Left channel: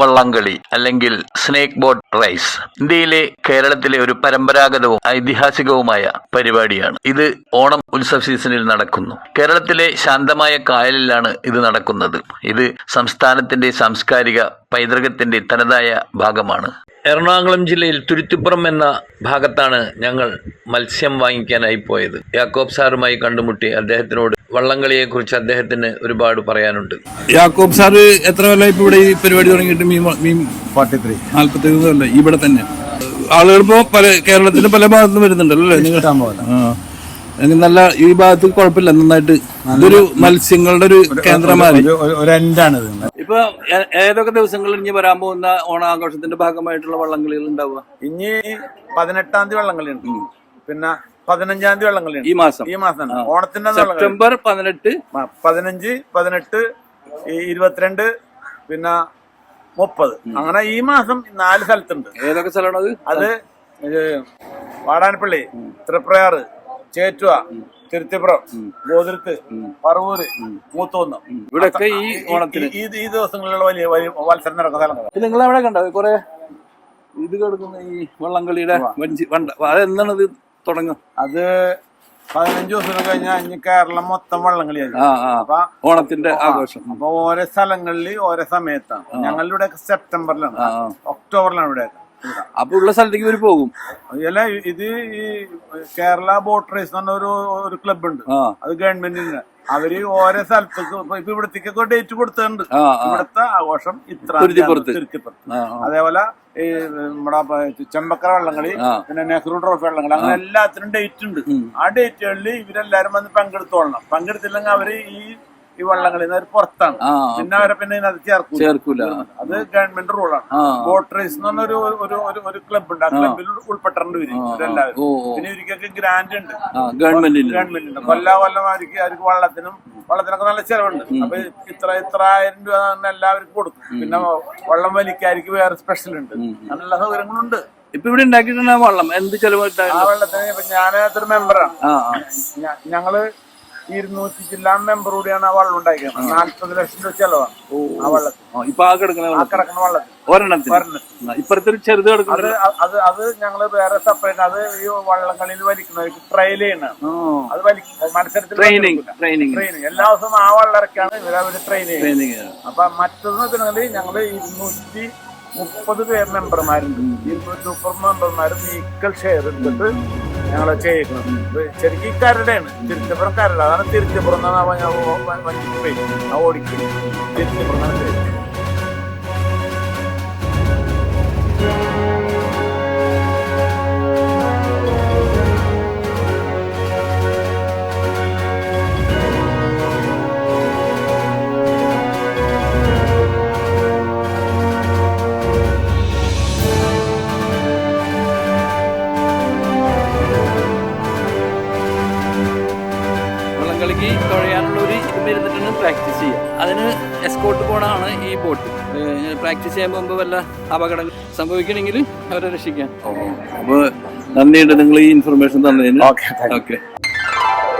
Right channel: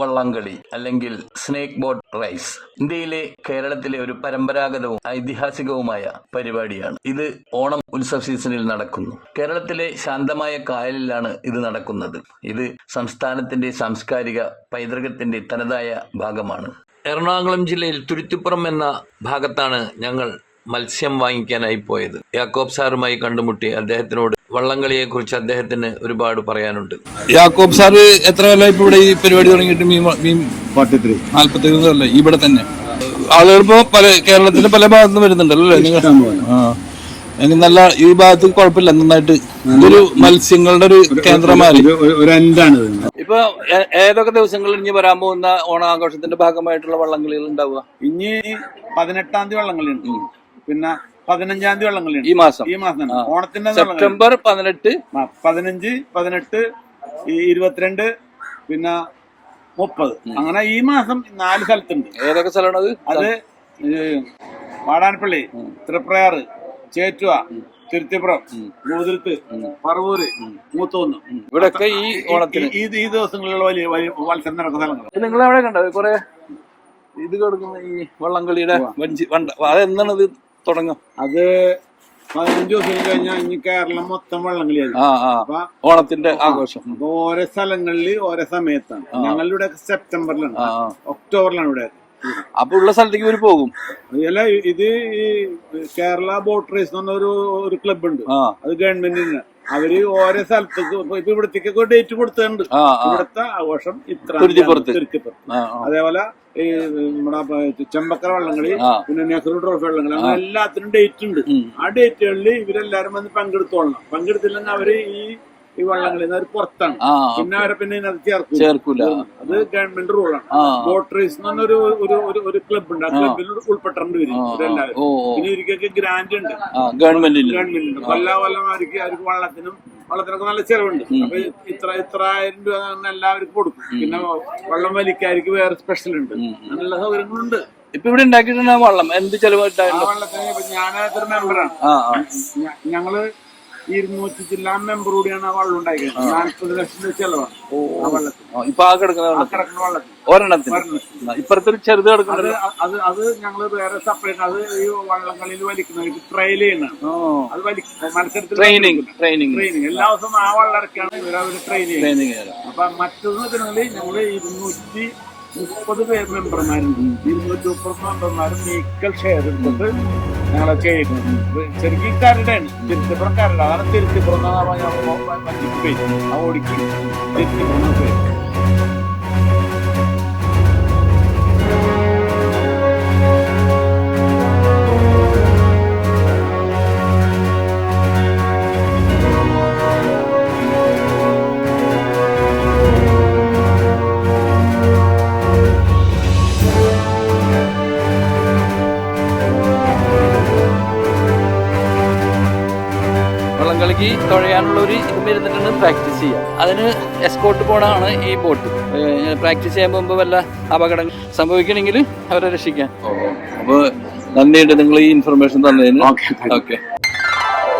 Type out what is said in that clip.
വള്ളംകളി അല്ലെങ്കിൽ snake boat rice ഇന്ത്യയിലെ കേരളത്തിലെ ഒരു പരമ്പരാഗതവും ഐതിഹാസികവുമായ പരിപാടിയാണ്. ഇത് ഓണം ഉത്സവ സീസണിൽ നടക്കുന്നു. കേരളത്തിലെ ശാന്തമായ കായലിലാണ് ഇത് നടക്കുന്നത്. ഇത് സംസ്ഥാനത്തിന്റെ സാംസ്കാരിക പൈതൃകത്തിന്റെ തനതായ ഭാഗമാണ്. എറണാകുളം ജില്ലയിൽ തുരുത്തിപ്പുറം എന്ന ഭാഗത്താണ് ഞങ്ങൾ മത്സ്യം വാങ്ങിക്കാനായി പോയത്. യാക്കോബ് സാറുമായി കണ്ടുമുട്ടി അദ്ദേഹത്തിനോട് വള്ളംകളിയെക്കുറിച്ച് അദ്ദേഹത്തിന് ഒരുപാട് പറയാനുണ്ട്. യാക്കോബ് സാറ് എത്ര കൊല്ലം ഇപ്പൊ ഇവിടെ ഈ പരിപാടി തുടങ്ങിയിട്ട്? മീൻ 43 കൊല്ലം ഇവിടെ തന്നെ. ആളുകൾ ഇപ്പോ കേരളത്തിന്റെ പല ഭാഗത്തുനിന്ന് വരുന്നുണ്ടല്ലോ നിങ്ങൾ? നല്ല ഈ ഭാഗത്ത് കുഴപ്പമില്ല, നന്നായിട്ട് ഇതൊരു മത്സ്യങ്ങളുടെ ഒരു കേന്ദ്രമായി ഇപ്പൊ ഏതൊക്കെ ദിവസങ്ങളിൽ ഇനി വരാൻ പോകുന്ന ഓണാഘോഷത്തിന്റെ ഭാഗമായിട്ടുള്ള വള്ളംകളികൾ ഉണ്ടാവുക? ഇനി 18-ാം തീയതി വള്ളംകളിയുണ്ട്, പിന്നെ 15-ാം തീയതി വള്ളംകളിയുണ്ട്. ഈ മാസം ഓണത്തിന്റെ സെപ്റ്റംബർ 18, 15, 18, 22, പിന്നെ 30. അങ്ങനെ ഈ മാസം 4 സ്ഥലത്തുണ്ട്. ഏതൊക്കെ സ്ഥലമാണ് അത്? വാടാനപ്പള്ളി, തൃപ്രയാറ്, ചേറ്റുവ, തിരുത്തിപ്പുറം, ഗോതിരത്ത്, പറവൂര്, മൂത്തോന്ന്. ഇവിടെയൊക്കെ ഈ ഓണത്തിന് ഈ ദിവസങ്ങളിലുള്ള വലിയ മത്സരം നടക്കുന്ന സ്ഥലങ്ങൾ. നിങ്ങൾ എവിടെ കണ്ടോ കുറെ ഇത് കൊടുക്കുന്ന ഈ വള്ളംകളിയുടെ അതെന്താണ് ഇത് തുടങ്ങും? അത് 15 ദിവസം കഴിഞ്ഞാൽ ഇനി കേരളം മൊത്തം വള്ളംകളിയായി ഓണത്തിന്റെ ആഘോഷം. അപ്പൊ ഓരോ സ്ഥലങ്ങളിൽ ഓരോ സമയത്താണ്. ഞങ്ങളുടെ ഇവിടെ സെപ്റ്റംബറിലാണ്, ഒക്ടോബറിലാണ് ഇവിടെ. അപ്പൊ ഉള്ള സ്ഥലത്തേക്ക് ഇവര് പോകും. അല്ല, ഇത് ഈ കേരള ബോട്ട് റേസ് എന്ന് പറഞ്ഞ ഒരു ക്ലബ് ഉണ്ട്, അത് ഗവൺമെന്റിന്. അവര് ഓരോ സ്ഥലത്തേക്ക് ഇപ്പൊ ഇവിടത്തേക്കൊക്കെ ഡേറ്റ് കൊടുത്തിട്ടുണ്ട്. ഇവിടുത്തെ ആഘോഷം ഇത്ര തിരുത്തിപ്പുറത്ത്. അതേപോലെ ഈ നമ്മുടെ ചെമ്പക്കര വള്ളംകളി, പിന്നെ നെഹ്റു ട്രോഫി വള്ളംകളി, അങ്ങനെ എല്ലാത്തിനും ഡേറ്റ് ഉണ്ട്. ആ ഡേറ്റുകളിൽ ഇവരെല്ലാരും വന്ന് പങ്കെടുത്തോളണം. പങ്കെടുത്തില്ലെങ്കിൽ അവര് ഈ വള്ളംകളി പുറത്താണ്. പിന്നെ അവരെ പിന്നെ ഇതിനകത്ത് ചേർക്കൂല. അത് ഗവൺമെന്റ് റൂളാണ്. ബോട്ട് റേസ് എന്ന് പറഞ്ഞ ഒരു ക്ലബ് ഉണ്ട്. ആ ക്ലബിൽ ഉൾപ്പെട്ടിട്ടുണ്ട് ഇവരെല്ലാവരും. പിന്നെ ഇവർക്കൊക്കെ ഗ്രാന്റ് ഉണ്ട് ഗവൺമെന്റിന്റെ. കൊല്ലം അവർക്ക് വള്ളത്തിനൊക്കെ നല്ല ചെലവുണ്ട്. അപ്പൊ ഇത്ര 1000 രൂപ എല്ലാവർക്കും കൊടുക്കും. പിന്നെ വള്ളം വലിക്കാർക്ക് വേറെ സ്പെഷ്യൽ ഉണ്ട്. നല്ല സൗകര്യങ്ങളുണ്ട്. ഇപ്പൊ ഇവിടെ ഉണ്ടാക്കിയിട്ടുള്ള വള്ളം എന്ത് ചെലവായിട്ടാണ്? ആ വള്ളത്തിന് ഇപ്പൊ ഞാൻ മെമ്പറാണ്. ഞങ്ങള് 200 ജില്ലാ മെമ്പർ കൂടിയാണ് ആ വള്ളം ഉണ്ടാക്കിയത്. 40 ലക്ഷം രൂപ ചെലവാണ് ആ വള്ളത്തിന്. ഇപ്പൊ ആ കിടക്കുന്ന വള്ളത്തിന് ഒരെണ്ണത്തിന് ഇപ്പുറത്തെ ചെറുത് കിടക്കുന്നത് അത് ഞങ്ങള് വേറെ സെപ്പറേറ്റ്. അത് ഈ വള്ളംകളിയിൽ വലിക്കുന്നവർക്ക് ട്രയൽ ചെയ്യണം. അത് മത്സരത്തിൽ ട്രെയിനിങ് എല്ലാ ദിവസവും ആ വള്ളറക്കാണ് ഇവരവര് ട്രെയിനിങ്. അപ്പൊ മറ്റൊന്ന് വെച്ചിട്ടുണ്ടെങ്കിൽ ഞങ്ങള് 230 മെമ്പർമാരുണ്ട്. 230 മെമ്പർമാരും ഈക്വൽ ഷെയർ എടുത്തിട്ട് ഞങ്ങളെ ചെയ്യുന്നത്. ശരിക്കും കരടാണ്, തിരുത്തിപ്പുറം കരട്. അതാണ് തിരുത്തിപ്പുറം ഓടിക്കും. തിരുത്തിപ്പുറം വള്ളംകളിക്ക് തുഴയാനുള്ള ഒരു ഇത് ഇരുന്നിട്ടാണ് പ്രാക്ടീസ് ചെയ്യുക. അതിന് എസ്കോർട്ട് പോണാണ് ഈ ബോട്ട്. പ്രാക്ടീസ് ചെയ്യാൻ പോകുമ്പോൾ വല്ല അപകടങ്ങൾ സംഭവിക്കണമെങ്കിൽ അവരെ രക്ഷിക്കാൻ. അപ്പോൾ നന്ദിയുണ്ട് നിങ്ങൾ ഈ ഇൻഫർമേഷൻ തന്നതിന്. ഓക്കെ.